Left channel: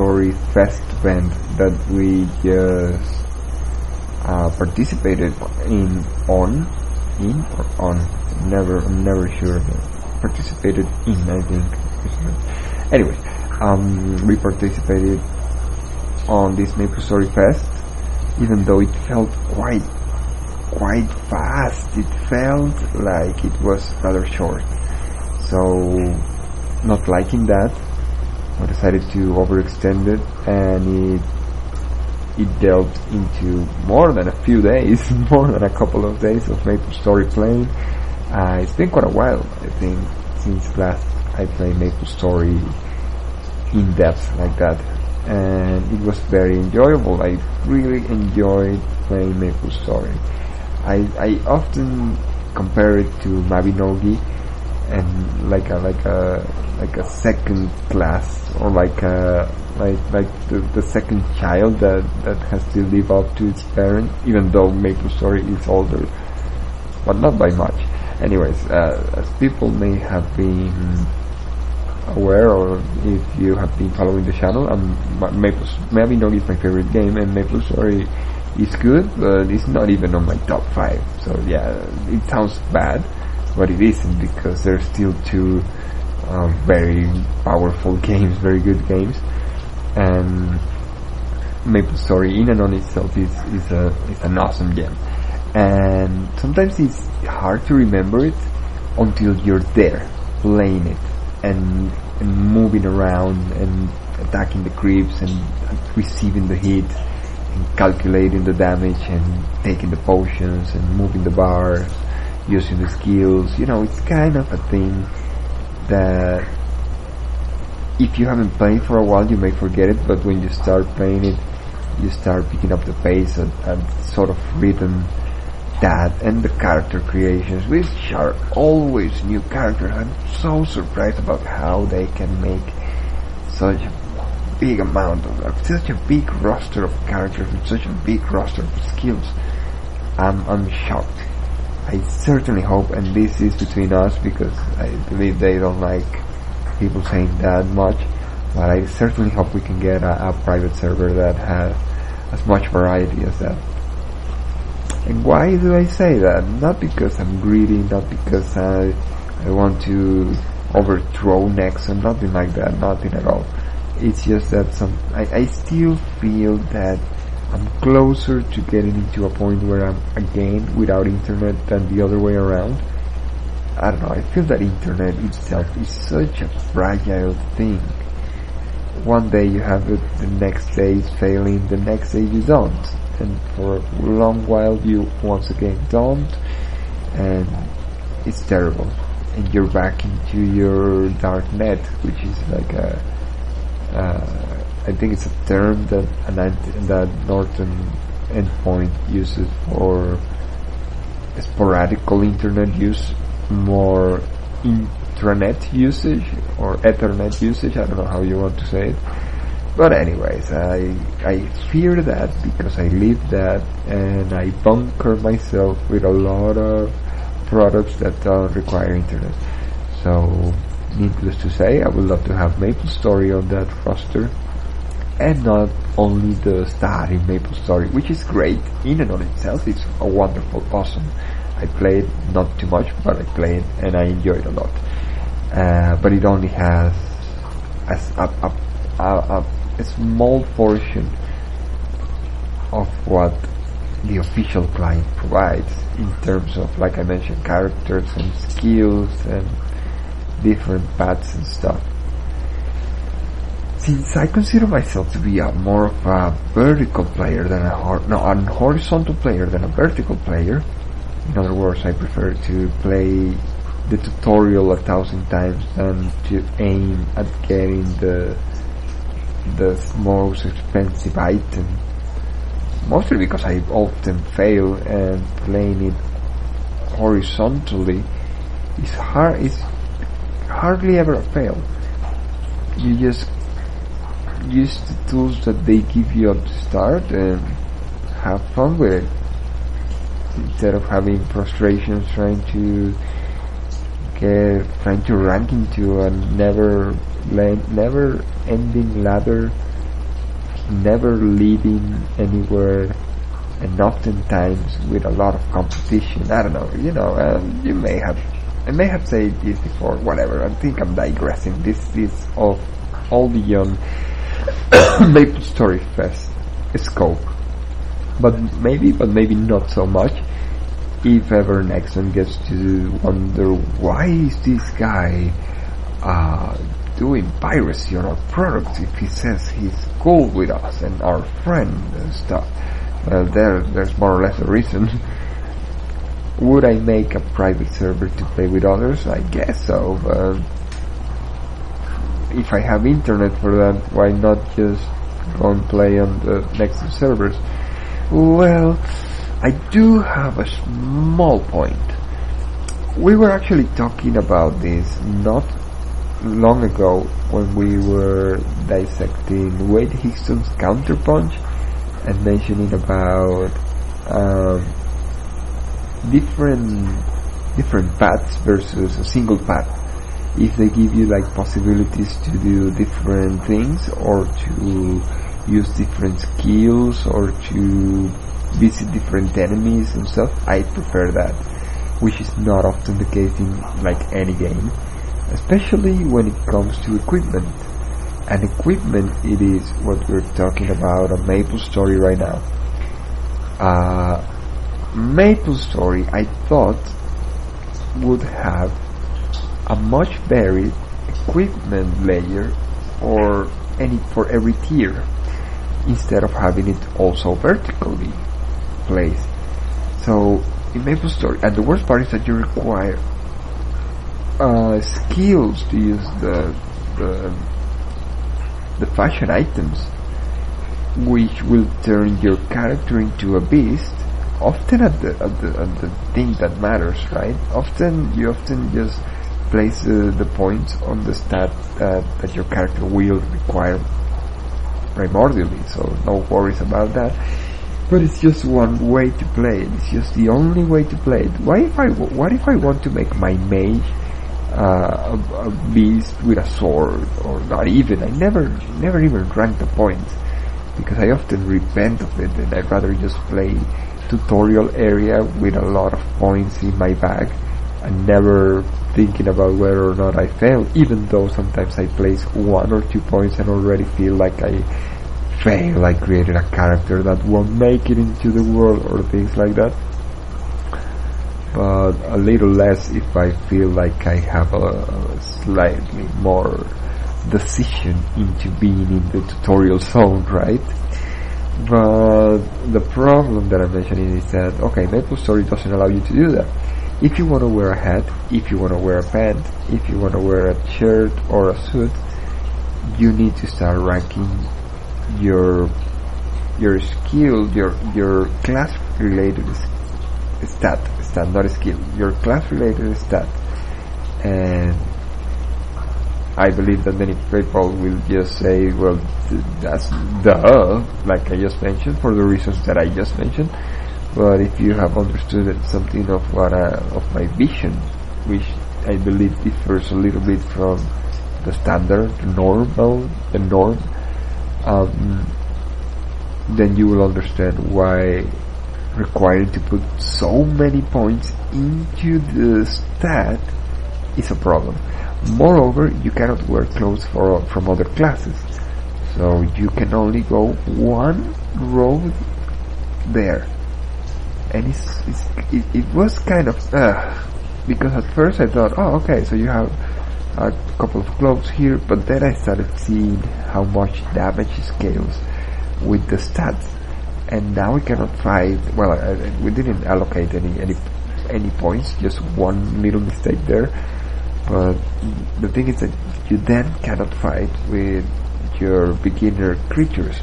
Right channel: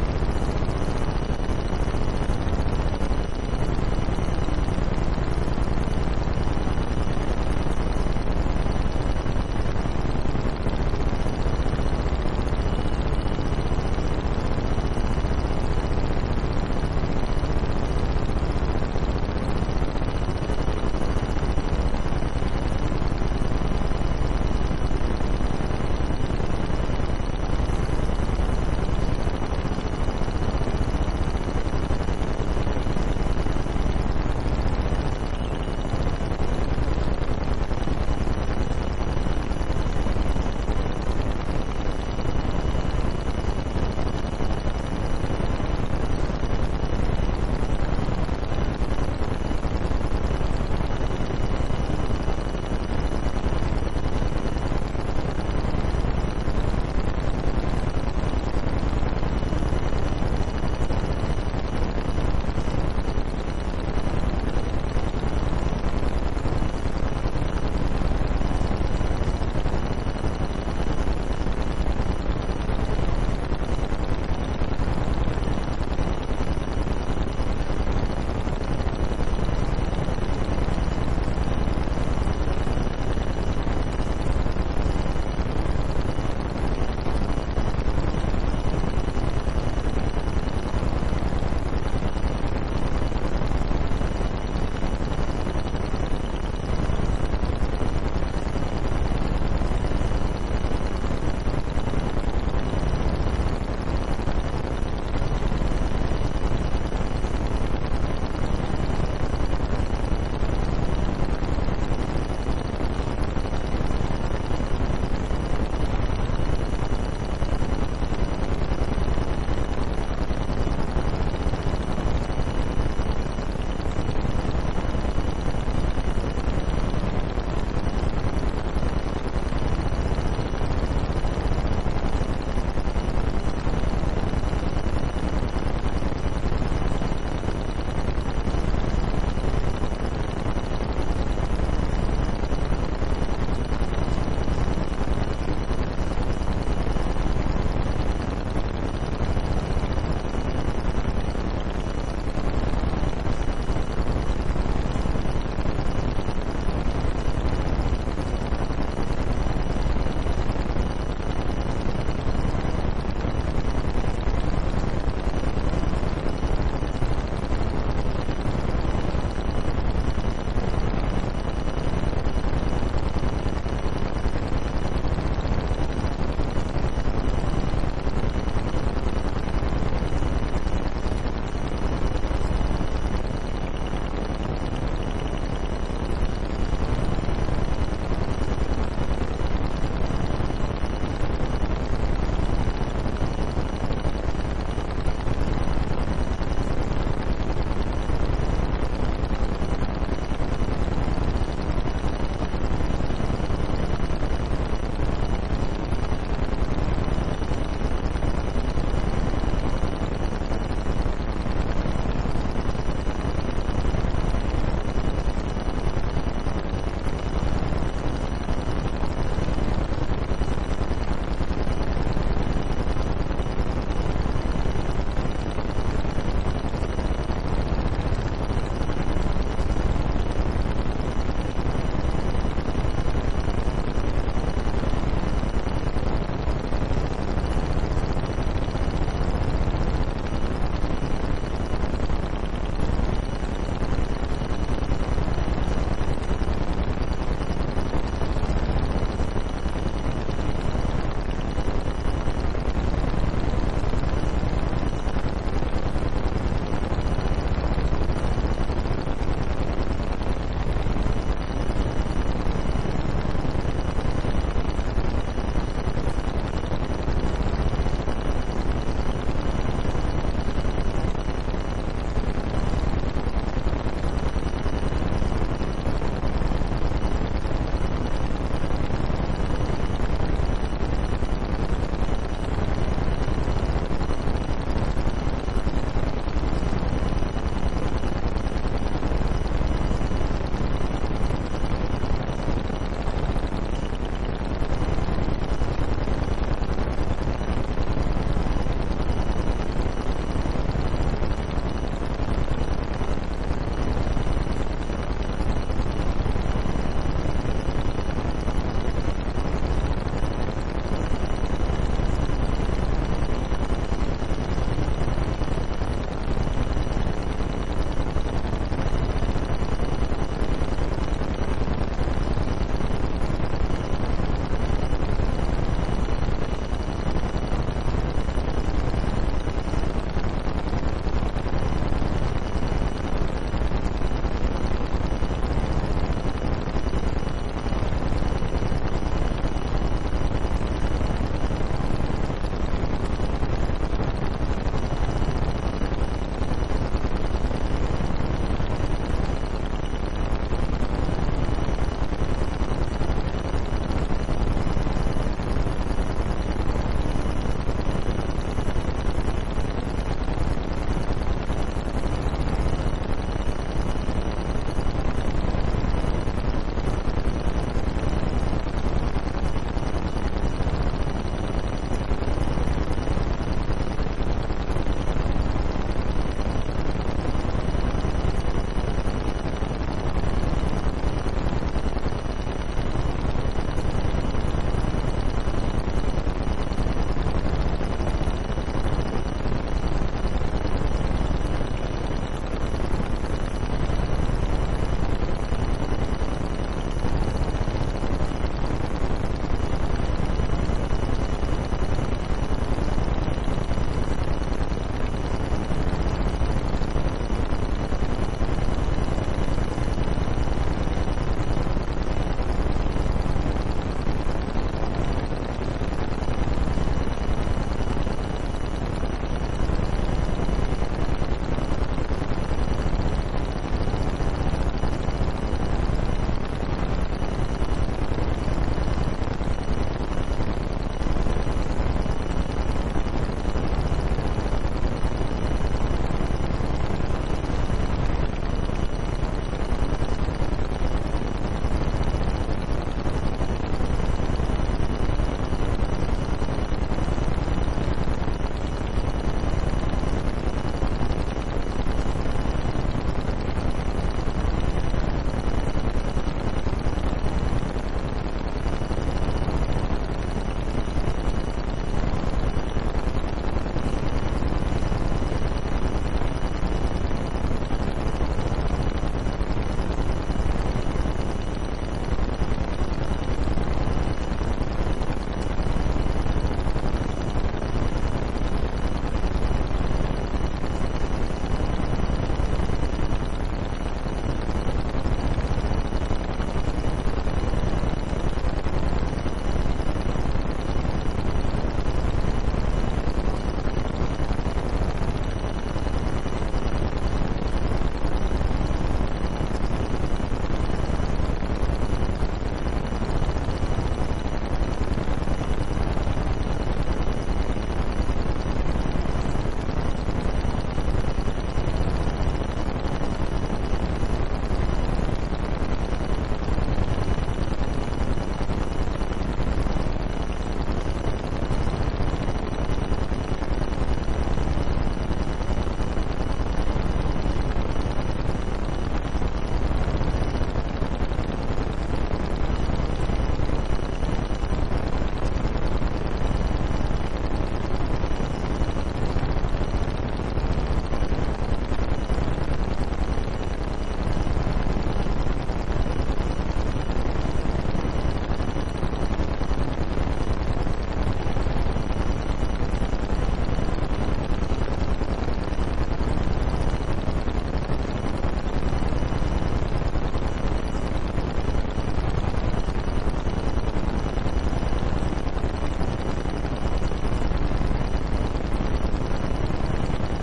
MapleStory Fest event that we just participated on, never sure, participated in, I think. Anyway, we participated on this MapleStory Fest, even though it felt quite fast. It felt like it was rather short. So, not liking that, I decided to overextend it, and it delved into more than a few days, more than a couple of days of MapleStory playing. It's been quite a while, I think, since last I played MapleStory in depth like that, and it was very enjoyable. I really enjoyed playing MapleStory. I often compare it to Mabinogi, and like a second class, or like the second child that has to live up to its parent, even though MapleStory is older, but not by much. Anyways, as people may have been aware, or if you have been following the channel, Mabinogi is my favorite game, and MapleStory is good, but it's not even on my top 5. So yeah, it sounds bad, but it isn't, because there's still two very powerful games, very good games, and MapleStory in and on itself is an awesome game. And sometimes it's hard to remember it until you're there, playing it, and moving around, and attacking the creeps, and receiving the hits, and calculating the damage, and taking the potions, and moving the bar, using the skills. It's kind of a thing that if you haven't played for a while, you may forget it, but when you start playing it, you start picking up the pace and sort of rhythm that, and the character creations, which are always new characters. I'm so surprised about how they can make such a big amount of, such a big roster of characters, and such a big roster of skills. I'm shocked. I certainly hope, and this is between us, because I believe they don't like people saying that much, but I certainly hope we can get a private server that has as much variety as that. And why do I say that? Not because I'm greedy, not because I want to overthrow Nexon, nothing like that, nothing at all. It's just that I still feel that I'm closer to getting to a point where I'm a game without internet than the other way around. I don't know, I feel that internet itself is such a fragile thing. One day you have it, the next day is failing, the next day is on. And for a long while you once again don't, and it's terrible. And you're back into your dark net, which is like I think it's a term that Northern Endpoint uses for sporadical internet use, more intranet usage, or Ethernet usage, I don't know how you want to say it. But anyways, I fear that because I live that, and I bunker myself with a lot of products that don't require internet. So, needless to say, I would love to have MapleStory on that roster, and not only the starting MapleStory, which is great in and of itself. It's a wonderful, awesome. I played not too much, but I played and I enjoyed a lot. But it only has a small portion of what the official client provides in terms of, like I mentioned, characters and skills and different paths and stuff. Since I consider myself to be more of a vertical player than a horizontal player than a vertical player, in other words, I prefer to play the tutorial 1,000 times than to aim at getting the most expensive item. Mostly because I often fail, and playing it horizontally is hardly ever a fail. You just use the tools that they give you at the start and have fun with it, instead of having frustrations trying to trying to rank into a never ending ladder, never leading anywhere, and oftentimes with a lot of competition. I don't know, I may have said this before, whatever, I think I'm digressing. This is of all the young Maple Story Fest scope. But maybe not so much. If ever Nexon gets to wonder why is this guy doing piracy on our products if he says he's cool with us and our friend and stuff. There's more or less a reason. Would I make a private server to play with others? I guess so, but if I have internet for that, why not just go and play on the Nexon servers? Well, I do have a small point. We were actually talking about this not long ago when we were dissecting Wade Hickson's Counterpunch and mentioning about different paths versus a single path. If they give you like possibilities to do different things or to use different skills or to visit different enemies and stuff, I prefer that, which is not often the case in like any game, especially when it comes to equipment. And equipment, it is what we're talking about on MapleStory right now. MapleStory, I thought, would have a much better equipment layer for every tier, instead of having it also vertically placed. So in MapleStory, and the worst part is that you require skills to use the fashion items, which will turn your character into a beast. Often at the thing that matters, right? You often just place the points on the stat that your character will require primordially, so no worries about that. But it's just one way to play. It's just the only way to play. What if I want to make my mage a beast with a sword, or not even? I never even rank the points because I often repent of it, and I'd rather just play tutorial area with a lot of points in my bag and never thinking about whether or not I fail, even though sometimes I place 1 or 2 points and already feel like I fail, I created a character that won't make it into the world or things like that. But a little less if I feel like I have a slightly more decision into being in the tutorial zone, right? But the problem that I'm mentioning is that, okay, MapleStory doesn't allow you to do that. If you want to wear a hat, if you want to wear a pants, if you want to wear a shirt or a suit, you need to start ranking your skills, your class related stat, not a skill, your class related stat. And I believe that many people will just say, well, that's duh, like I just mentioned, for the reasons that I just mentioned. But if you have understood something of my vision, which I believe differs a little bit from the standard norm, then you will understand why requiring to put so many points into the stat is a problem. Moreover, you cannot wear clothes from other classes, so you can only go one road there. And it was kind of because at first I thought, oh, okay, so you have a couple of clothes here, but then I started seeing how much damage scales with the stats, and now we cannot fight. Well, we didn't allocate any points, just one little mistake there. But the thing is that you then cannot fight with your beginner creatures,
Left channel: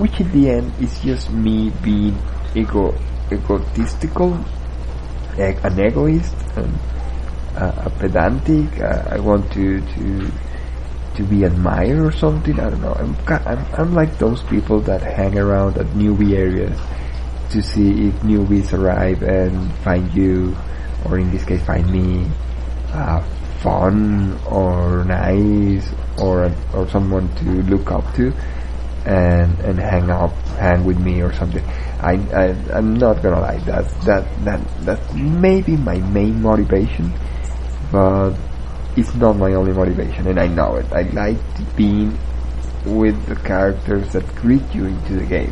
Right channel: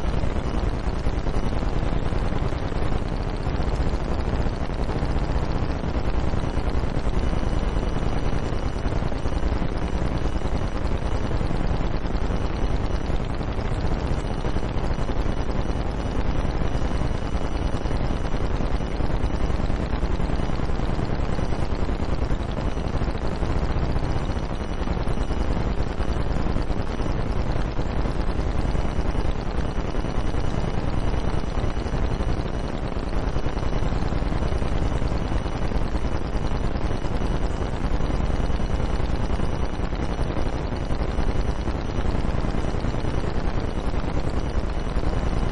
which in the end is just me being egotistical, an egoist, a pedantic. I want to be admired or something. I don't know. I'm like those people that hang around at newbie areas to see if newbies arrive and find you, or in this case find me, fun or nice or someone to look up to and hang with me or something. I'm not gonna lie, that's maybe my main motivation, but it's not my only motivation, and I know it. I like being with the characters that greet you into the game.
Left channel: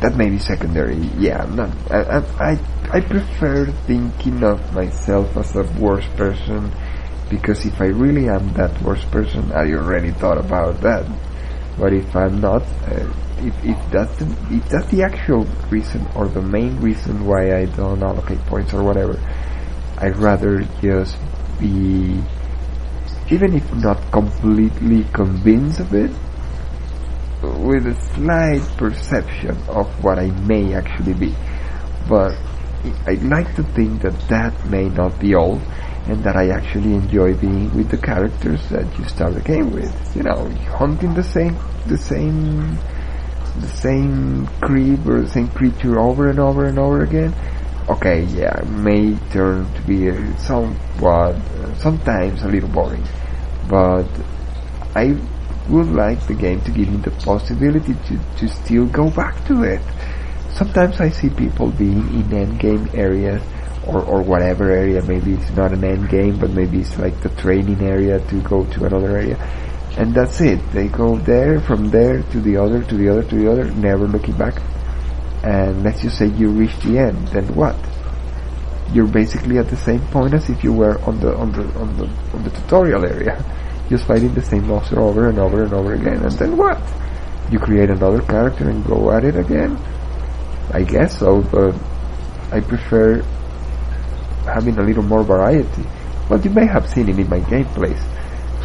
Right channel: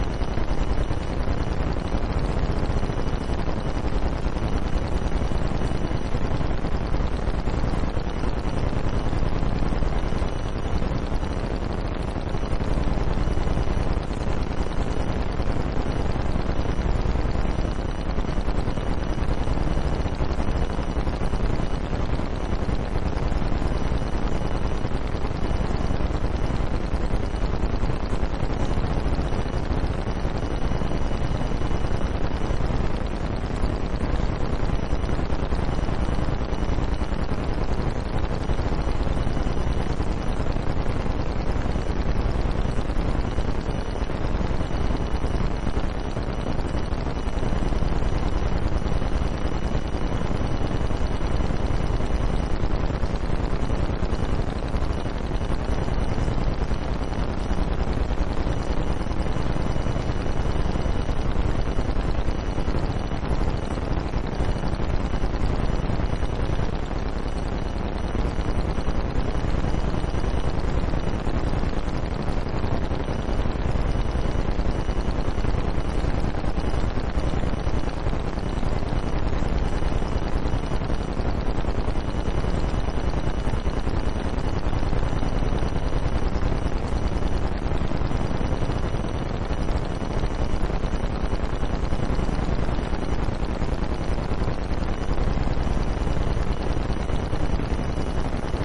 That may be secondary, yeah. No, I prefer thinking of myself as the worst person, because if I really am that worst person, I already thought about that. But if I'm not, if that's the actual reason or the main reason why I don't allocate points or whatever, I'd rather just be, even if not completely convinced of it, with a slight perception of what I may actually be. But I'd like to think that that may not be all, and that I actually enjoy being with the characters that you start the game with. You know, hunting the same creep or the same creature over and over and over again. Okay, yeah, it may turn to be sometimes a little boring, but I would like the game to give me the possibility to still go back to it. Sometimes I see people being in endgame areas or whatever area. Maybe it's not an endgame, but maybe it's like the training area to go to another area, and that's it. They go there, from there to the other, to the other, to the other, never looking back. And let's just say you reach the end, then what? You're basically at the same point as if you were on the tutorial area, just fighting the same monster over and over and over again. And then what? You create another character and go at it again? I guess so, but I prefer having a little more variety. But you may have seen it in my gameplays.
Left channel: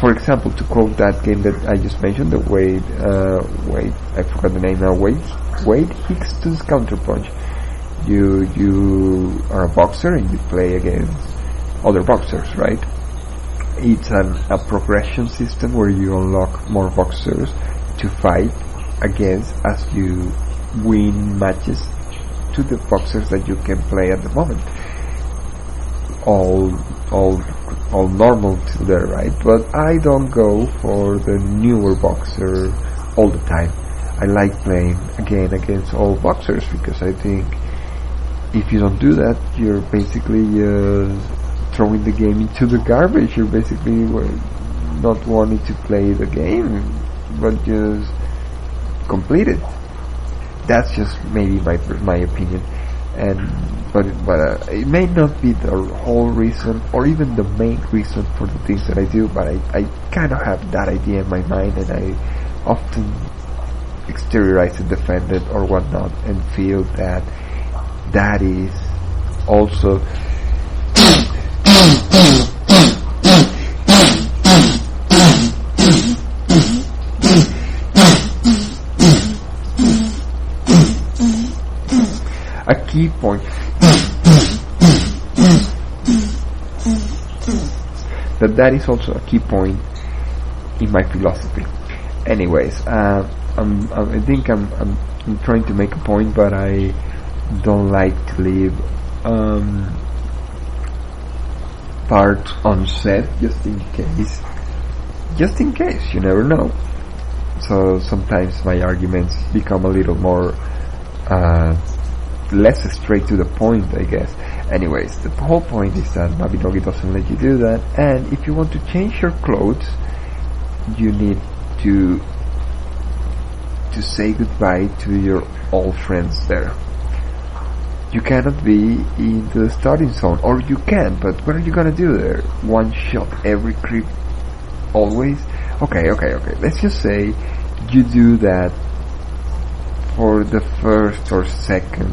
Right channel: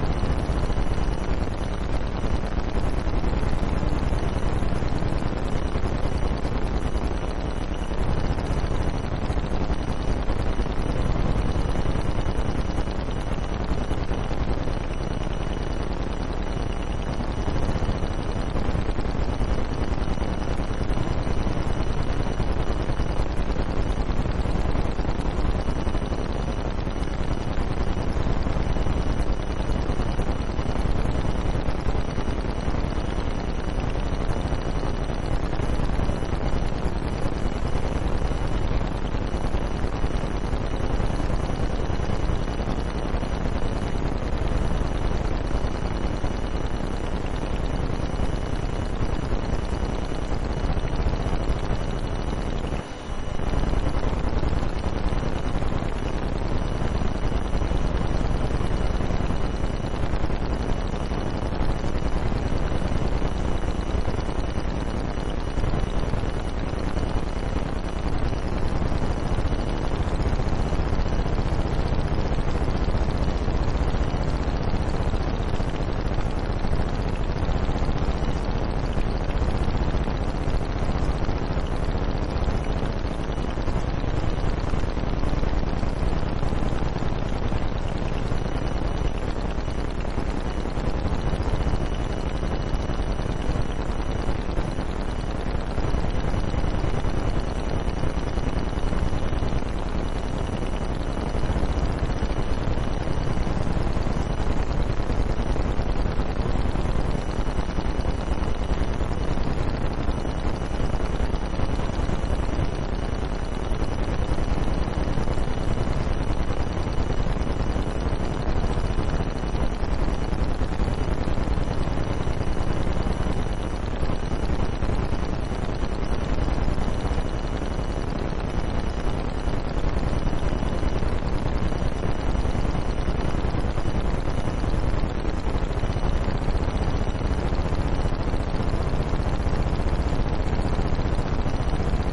For example, to quote that game that I just mentioned, the Wade, I forgot the name now, Wade Hickson's Counterpunch. You are a boxer and you play against other boxers, right? It's a progression system where you unlock more boxers to fight against as you win matches to the boxers that you can play at the moment. All normal to there, right? But I don't go for the newer boxer all the time. I like playing again against all boxers, because I think if you don't do that, you're basically throwing the game into the garbage. You're basically not wanting to play the game, but just complete it. That's just maybe my opinion. But it may not be the whole reason, or even the main reason for the things that I do, but I kind of have that idea in my mind, and I often exteriorize it, defend it, or whatnot, and feel that that is also a key point. That is also a key point in my philosophy. Anyways, I think I'm trying to make a point, but I don't like to leave parts unsaid, just in case, you never know. So sometimes my arguments become a little more less straight to the point, I guess. Anyways, the whole point is that Navigogi doesn't let you do that, and if you want to change your clothes, you need to say goodbye to your old friends there. You cannot be in the starting zone, or you can, but what are you gonna do there? One shot every creep, always? Okay, let's just say you do that for the first or second,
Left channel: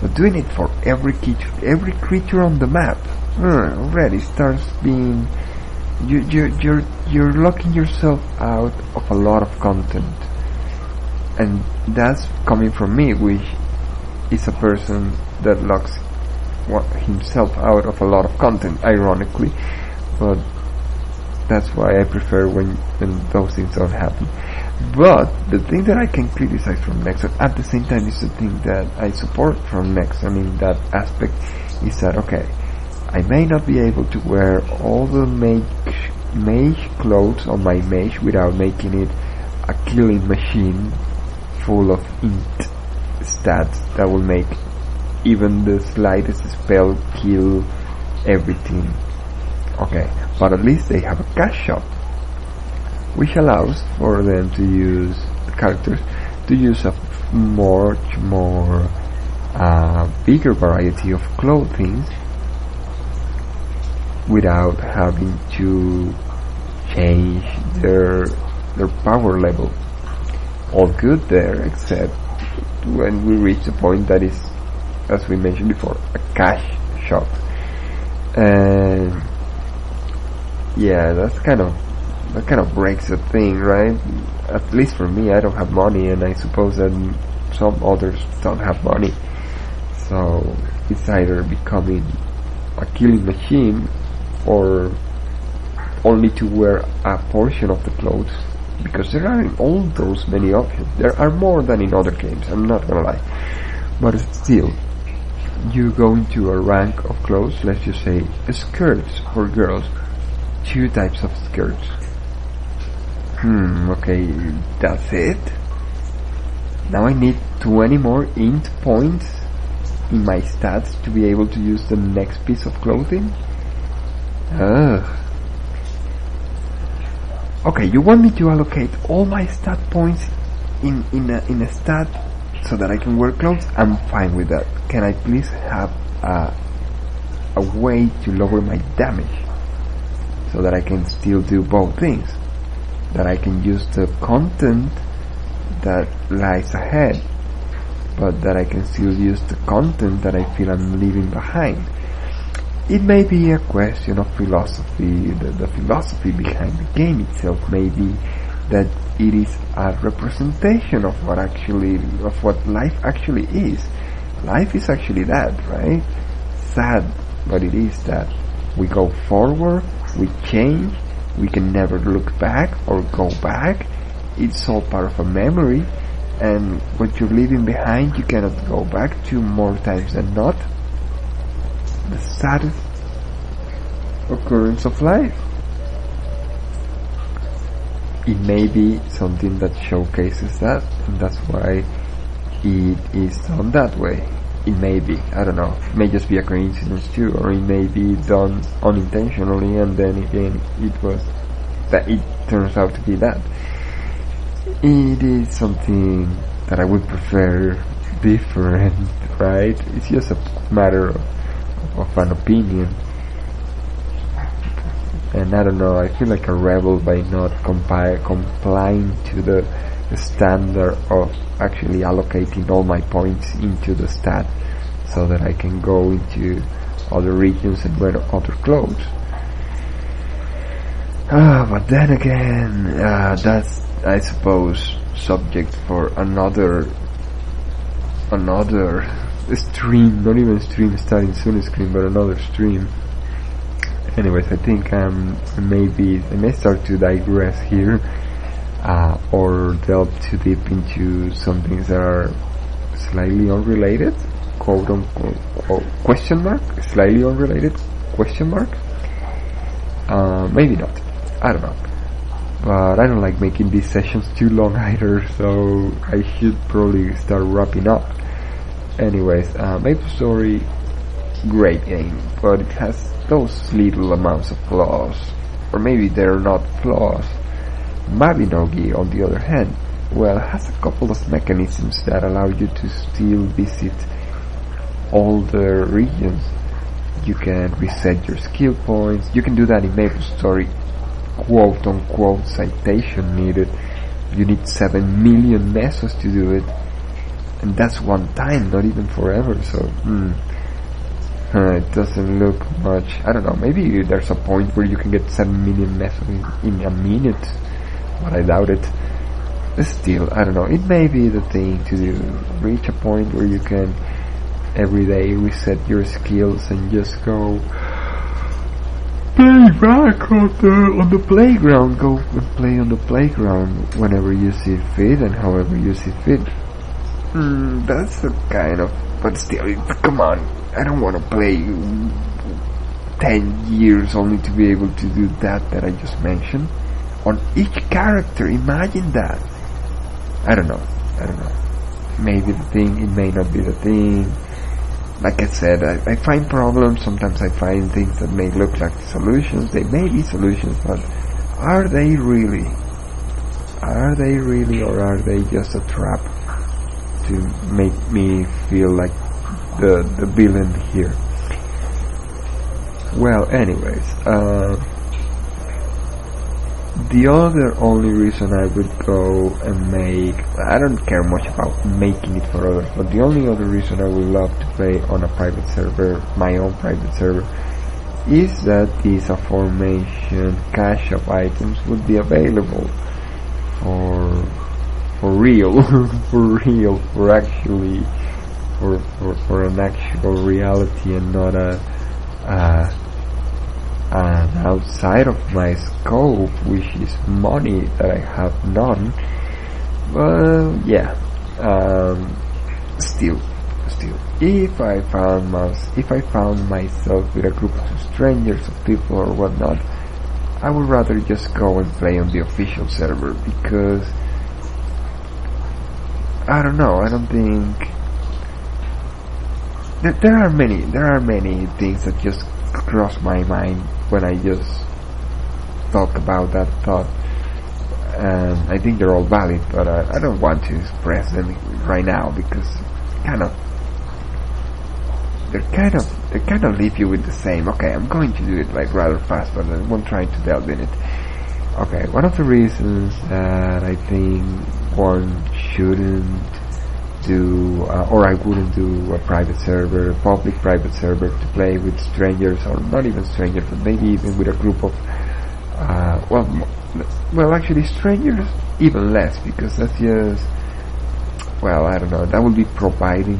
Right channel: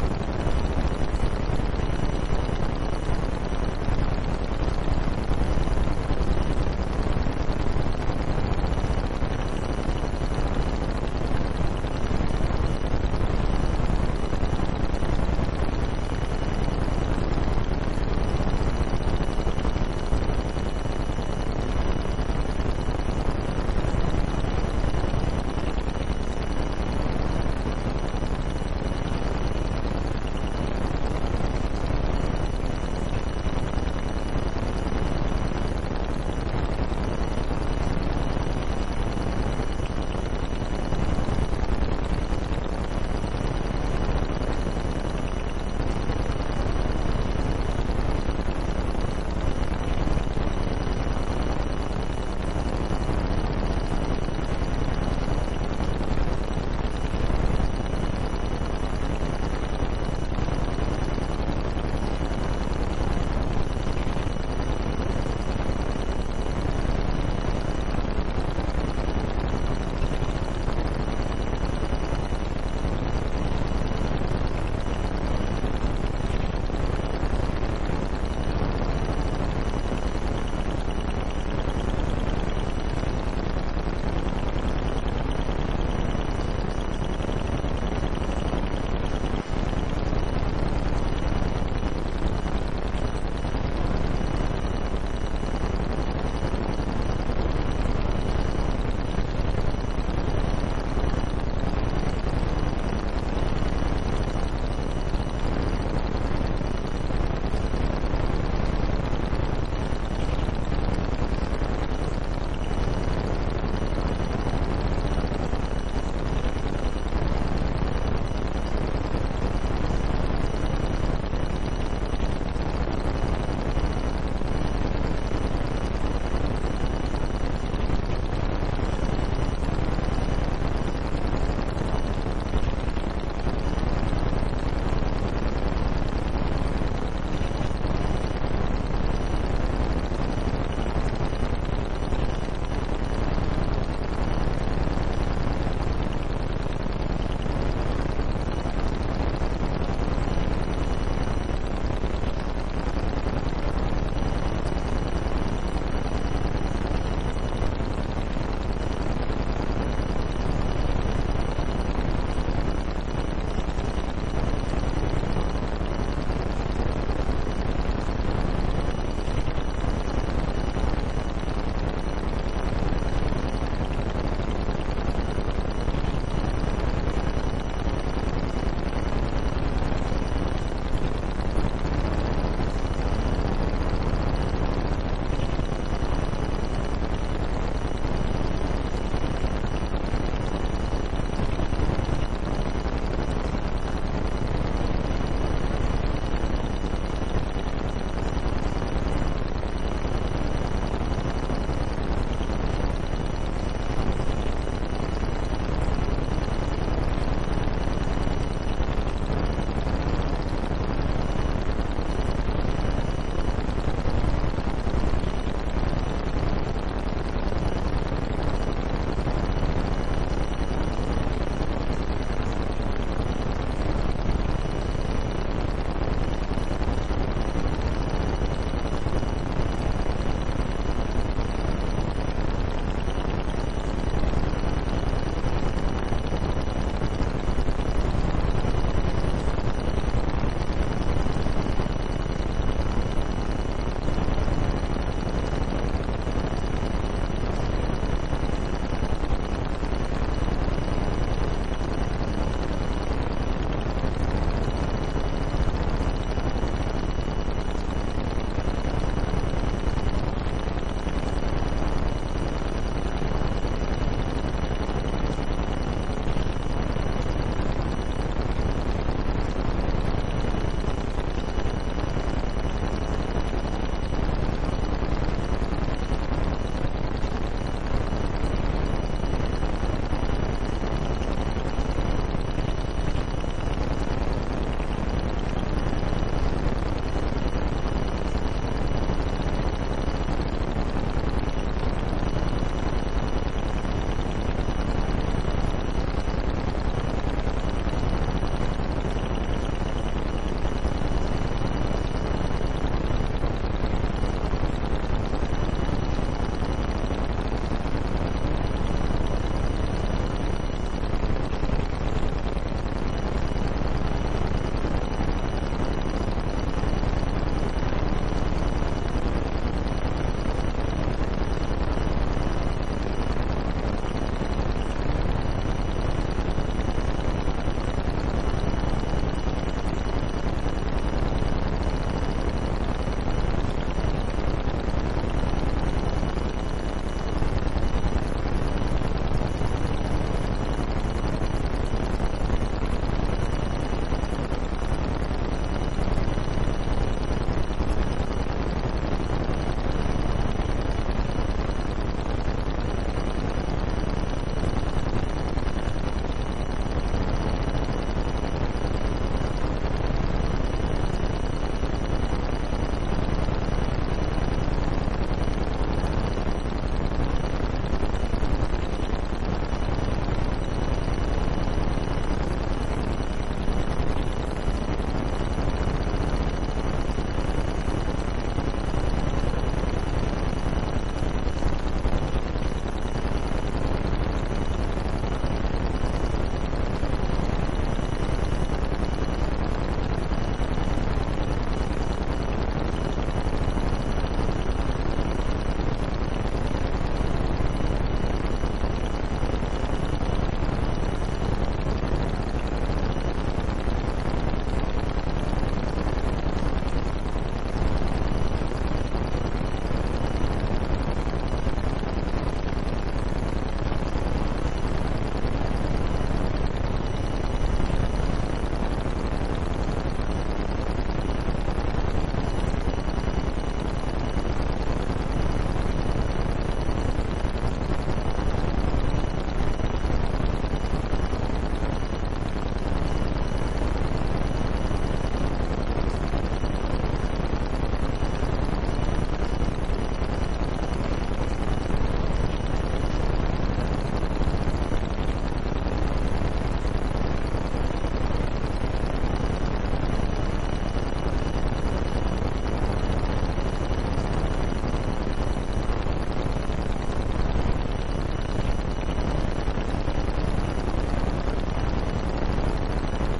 but doing it for every creature on the map already starts being, you're locking yourself out of a lot of content. And that's coming from me, which is a person that locks himself out of a lot of content, ironically. But that's why I prefer when those things don't happen. But the thing that I can criticize from Next, at the same time is the thing that I support from Next, I mean that aspect, is that, okay, I may not be able to wear all the mage clothes on my mage without making it a killing machine full of int stats that will make even the slightest spell kill everything. Okay, but at least they have a cash shop, which allows for them to use characters to use a much more bigger variety of clothing without having to change their power level. All good there, except when we reach the point that is, as we mentioned before, a cash shop. And yeah, that kind of breaks the thing, right? At least for me, I don't have money, and I suppose that some others don't have money. So it's either becoming a killing machine or only to wear a portion of the clothes, because there aren't all those many options. There are more than in other games, I'm not gonna lie. But still, you go into a rank of clothes, let's just say skirts for girls, 2 types of skirts. Okay, that's it. Now I need 20 more int points in my stats to be able to use the next piece of clothing. Okay, you want me to allocate all my stat points in a stat so that I can wear clothes? I'm fine with that. Can I please have a way to lower my damage so that I can still do both things? That I can use the content that lies ahead, but that I can still use the content that I feel I'm leaving behind. It may be a question of philosophy. The philosophy behind the game itself may be that it is a representation of what life actually is. Life is actually that, right? Sad, but it is that. We go forward, we change, we can never look back or go back. It's all part of a memory, and what you're leaving behind you cannot go back to more times than not. The saddest occurrence of life. It may be something that showcases that, and that's why it is done that way. It may be, I don't know, it may just be a coincidence too, or it may be done unintentionally, and then again it turns out to be that. It is something that I would prefer different, right? It's just a matter of an opinion. And I don't know, I feel like a rebel by not complying to the standard of actually allocating all my points into the stat so that I can go into other regions and wear other clothes. But then again, that's, I suppose, subject for another stream, not even stream starting soon stream, but another stream. Anyways, I think I may start to digress here, or delve too deep into some things that are slightly unrelated, quote unquote, or question mark, slightly unrelated, question mark. Maybe not, I don't know. But I don't like making these sessions too long either, so I should probably start wrapping up. Anyways, MapleStory, great game, but it has those little amounts of flaws, or maybe they're not flaws. Mabinogi, on the other hand, well, has a couple of mechanisms that allow you to still visit all the regions. You can reset your skill points. You can do that in MapleStory, quote unquote citation needed. You need 7 million mesos to do it, and that's one time, not even forever. So it doesn't look much. I don't know, maybe there's a point where you can get 7 million mesos in a minute, but I doubt it. But still, I don't know, it may be the thing to reach a point where you can every day reset your skills and just go play back on the playground. Go play on the playground whenever you see fit and however you see fit. That's a kind of, but still, come on, I don't want to play 10 years only to be able to do that I just mentioned on each character. Imagine that. I don't know. Maybe the thing, it may not be the thing. Like I said, I find problems. Sometimes I find things that may look like solutions. They may be solutions, but are they really? Are they really, or are they just a trap to make me feel like the villain here? Well, anyways, the other only reason I would go and make, I don't care much about making it for others, but the only other reason I would love to play on a private server, my own private server, is that these aforementioned cache of items would be available for real, for actually, for an actual reality and not outside of my scope, which is money that I have none. But yeah, still, if I found myself with a group of strangers, people or whatnot, I would rather just go and play on the official server, because I don't know. I don't think there are many things that just cross my mind when I just thought about that thought, and I think they're all valid, but I don't want to express them right now, because they kind of leave you with the same. Okay, I'm going to do it like rather fast, but I won't try to delve in it. Okay, one of the reasons that I think one shouldn't do, or I wouldn't do a private server, public private server, to play with strangers, or not even strangers, but maybe even with a group of, well, actually strangers, even less, because that's just, well, I don't know, that would be providing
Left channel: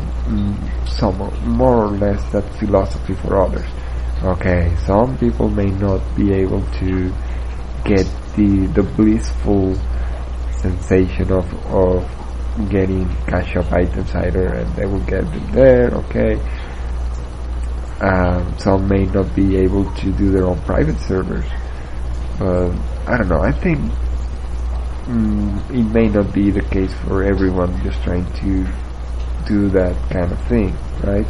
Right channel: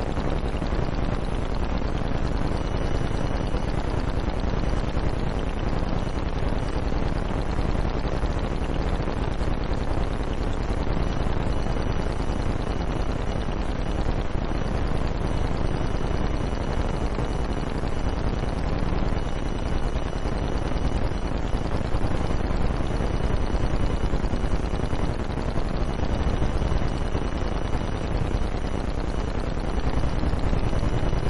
some, more or less, that philosophy for others. Okay, some people may not be able to get the blissful sensation of getting cash of items either, and they will get it there, okay. Some may not be able to do their own private servers. I don't know, I think it may not be the case for everyone just trying to do that kind of thing, right?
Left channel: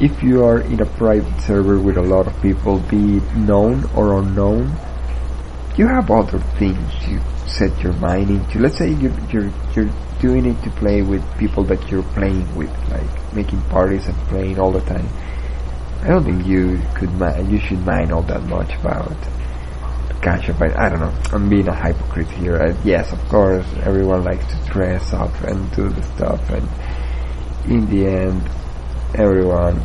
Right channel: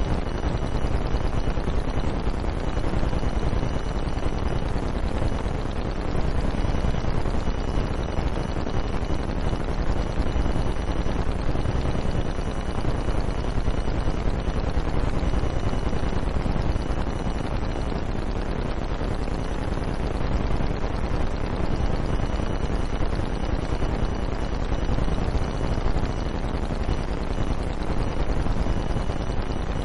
If you are in a private server with a lot of people, be it known or unknown, you have other things to set your mind into. Let's say you're doing it to play with people that you're playing with, like making parties and playing all the time. I don't think you should mind all that much about catch-up. I don't know, I'm being a hypocrite here. Yes, of course, everyone likes to dress up and do the stuff, but in the end, everyone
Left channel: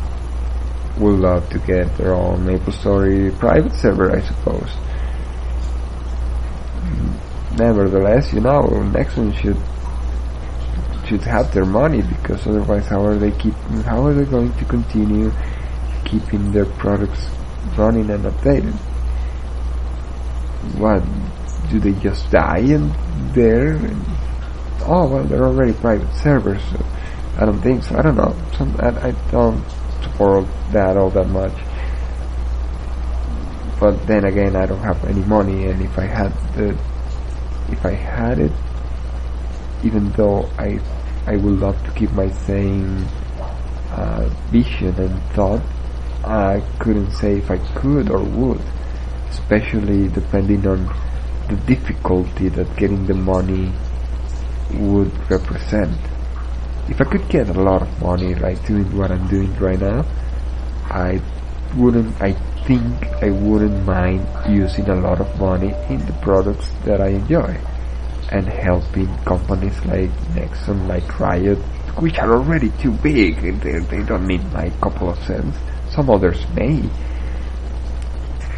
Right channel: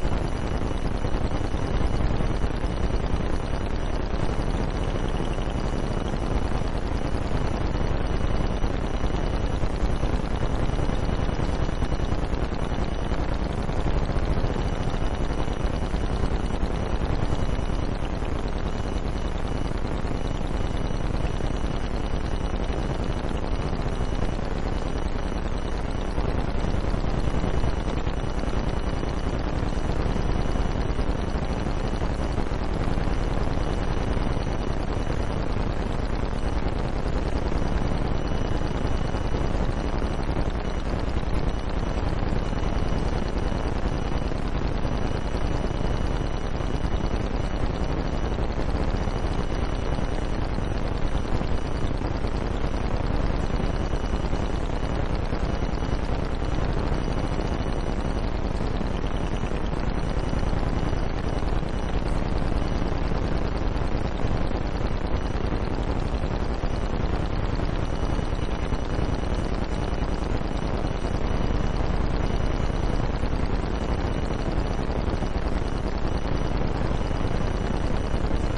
would love to get their own MapleStory private server, I suppose. Nevertheless, next one should have their money, because otherwise how are they going to continue keeping their products running and updated? What, do they just die in there? Oh well, they're already private servers, so I don't think so. I don't know. I don't support that all that much. But then again, I don't have any money, and if I had it, even though I would love to keep my same vision and thought, I couldn't say if I could or would, especially depending on the difficulty that getting the money would represent. If I could get a lot of money like doing what I'm doing right now, I think I wouldn't mind using a lot of money in the products that I enjoy, and helping companies like Nexon, like Riot, which are already too big. They don't need my couple of cents. Some others may,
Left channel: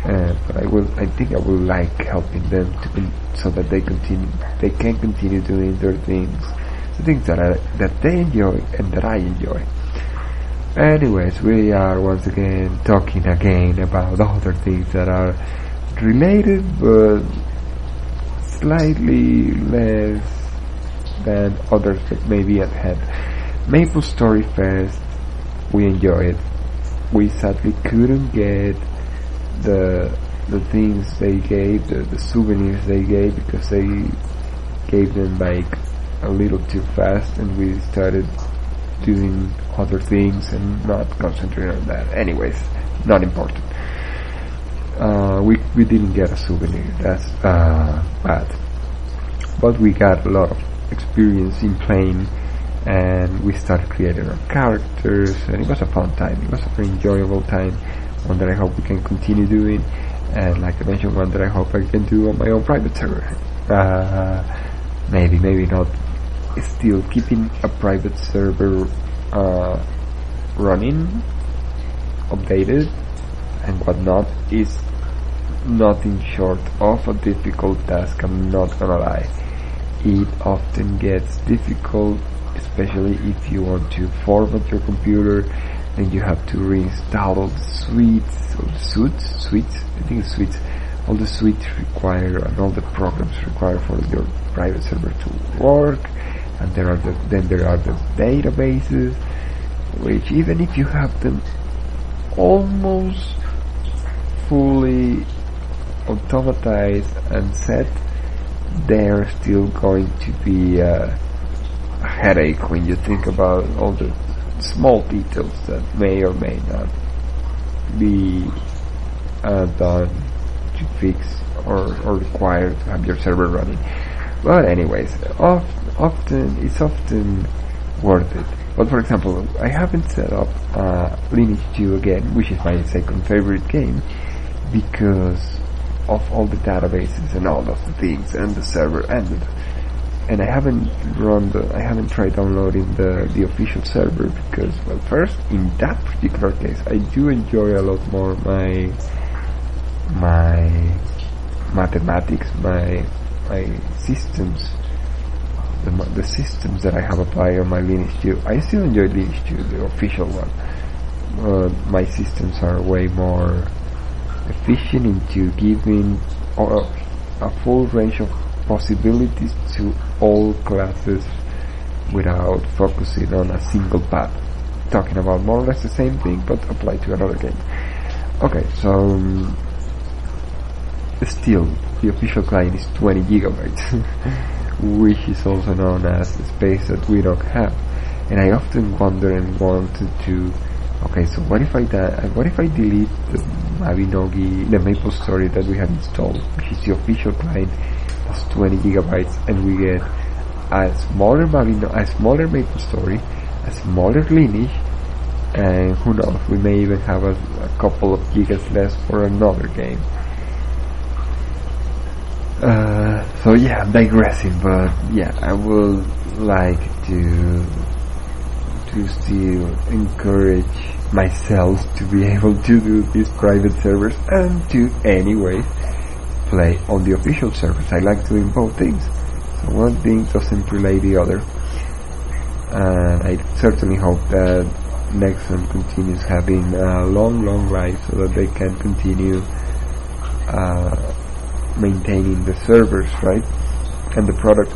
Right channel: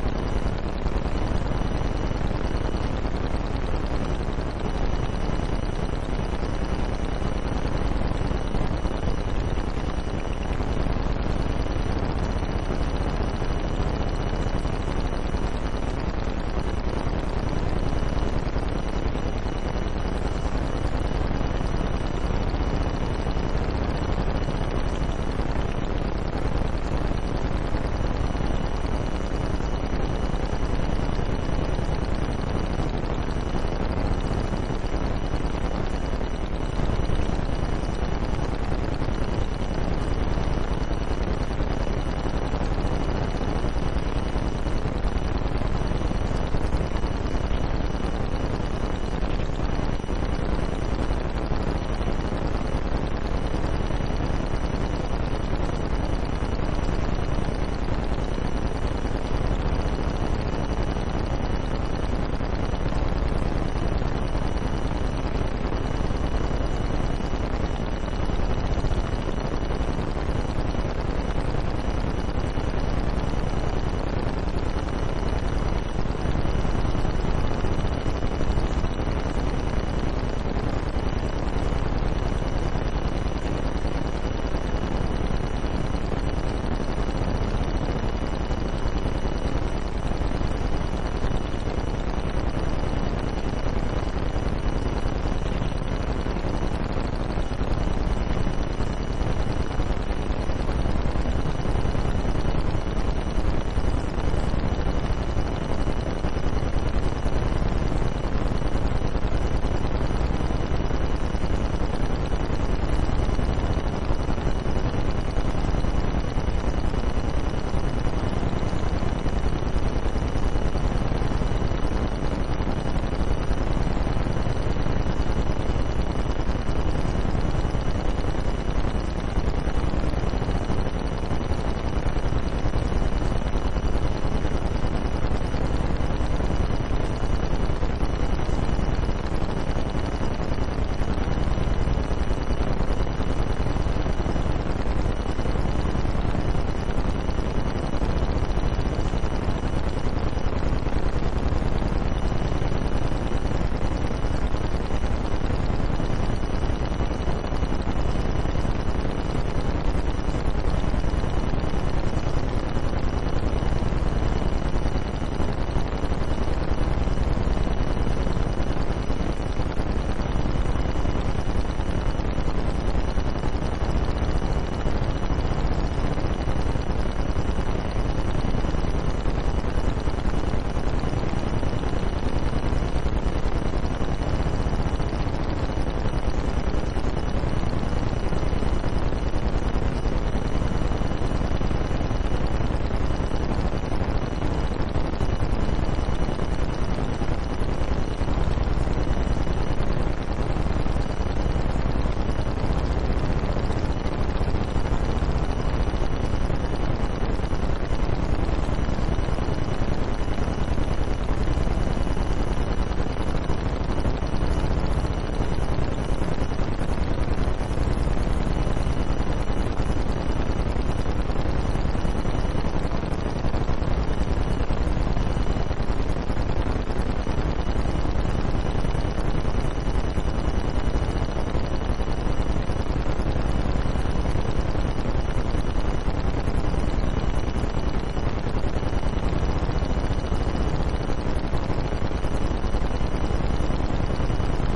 but I think I would like helping them so that they can continue doing their things that they enjoy and that I enjoy. Anyways, we are once again talking again about other things that are related, but slightly less than others that may be at hand. MapleStory Fest we enjoyed it. We sadly couldn't get the things they gave, the souvenirs they gave, because they gave them like a little too fast, and we started doing other things and not concentrate on that. Anyways, not important. We didn't get a souvenir, that's bad. But we got a lot of experience in playing, and we started creating our characters, and it was a fun time. It was an enjoyable time, one that I hope we can continue doing, and like I mentioned, one that I hope I can do on my own private server. Maybe not. Still keeping a private server running, updated, and but not is nothing short of a difficult task. I'm not gonna lie. It often gets difficult, especially if you want to format your computer and you have to reinstall all the suites, all the suites required and all the programs required for your private server to work. And then there are the databases, which even if you have them almost fully automatized and set, they're still going to be a headache when you think about all the small details that may or may not be done to fix or required to have your server running. But anyways, it's often worth it. But for example, I haven't set up Lineage 2 again, which is my second favorite game, because of all the databases and all of the things and the server and I haven't tried downloading the official server because, well, first, in that particular case, I do enjoy a lot more my mathematics, my systems, the systems that I have applied on my Lineage 2. I still enjoy Lineage 2, the official one. My systems are way more efficient into giving a full range of possibilities to all classes without focusing on a single path. Talking about more or less the same thing, but applied to another game. Okay, so still, the official client is 20 gigabytes, which is also known as space that we don't have. And I often wonder and want to okay, so what if I delete the Mabinogi, the Maple Story that we have installed, which is the official client, is 20 gigabytes, and we get a smaller Maple Story, a smaller Lineage, and who knows, we may even have a couple of gigas less for another game. So yeah, I'm digressing, but yeah, I would like to still encourage myself to be able to do these private servers and to anyway play on the official servers. I like doing both things. So one thing doesn't relate the other. I certainly hope that Nexon continues having a long life so that they can continue maintaining the servers, right? And the product.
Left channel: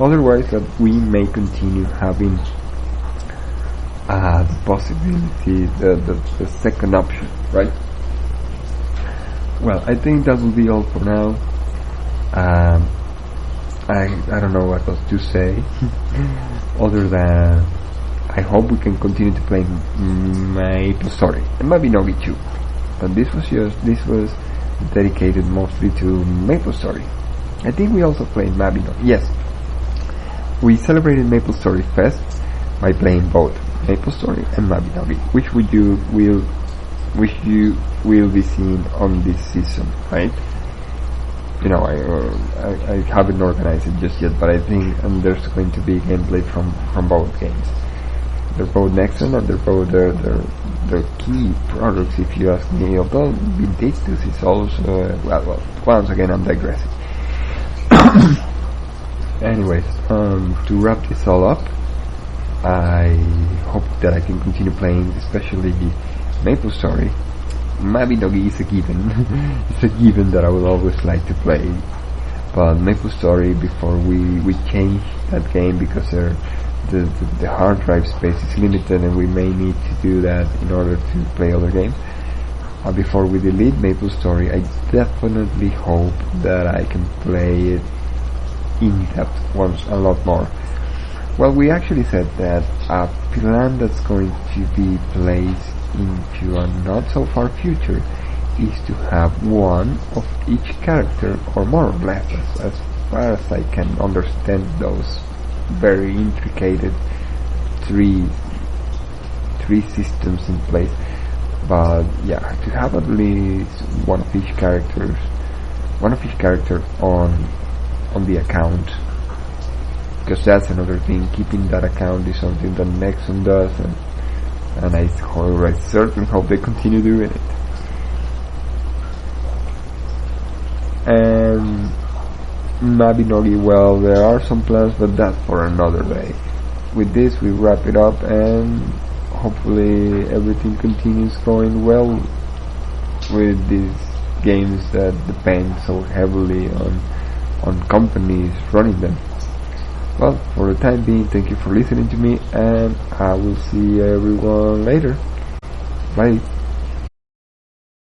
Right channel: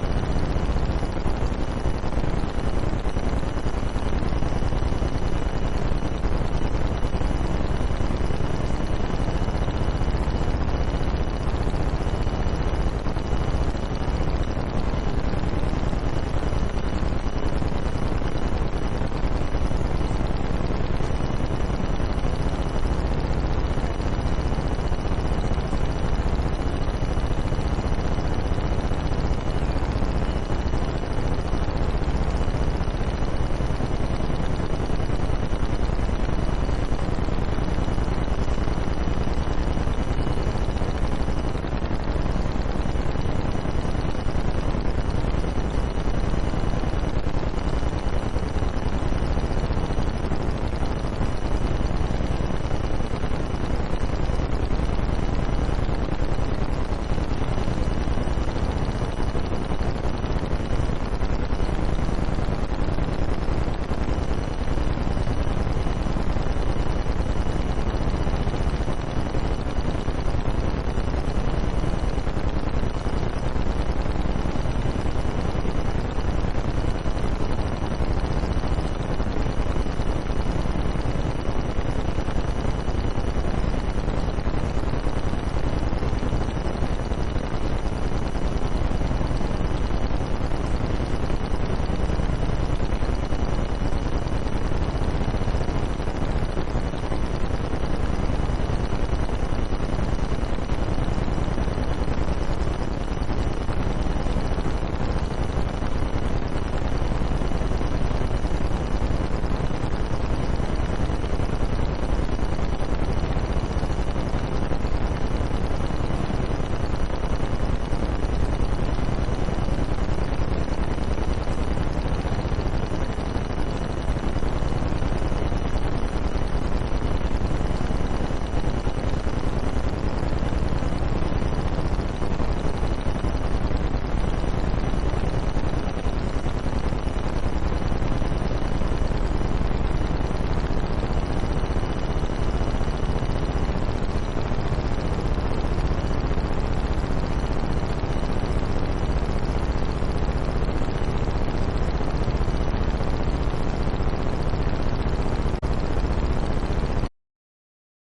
Otherwise that we may continue having possibility the second option, right? Well, I think that will be all for now. I don't know what else to say other than I hope we can continue to play Maple Story and Mabinogi too. But this was dedicated mostly to Maple Story. I think we also played Mabinogi. Yes, we celebrated Maple Story Fest by playing both Maple Story and Mabinogi, which you will be seeing on this season, right? You know, I haven't organized it just yet, but I think there's going to be gameplay from both games. They're both Nexon and they're both the key products, if you ask me. Although Vintage is also, well, once again I'm digressing. Anyways, to wrap this all up, I hope that I can continue playing, especially Maple Story. Mabinogi is a given. It's a given that I will always like to play. But Maple Story, before we changed that game because the hard drive space is limited and we may need to do that in order to play other games. Before we delete Maple Story, I definitely hope that I can play it in depth once a lot more. Well, we actually said that a plan that's going to be placed into a not so far future is to have one of each character, or more or less, as far as I can understand those very intricate three systems in place. But yeah, to have at least one of each character on the account, because that's another thing. Keeping that account is something that Nexon does, and I certainly hope they continue doing it. And Mabinogi, well, there are some plans, but that's for another day. With this, we wrap it up, and hopefully everything continues going well with these games that depend so heavily on companies running them. Well, for the time being, thank you for listening to me, and I will see everyone later. Bye.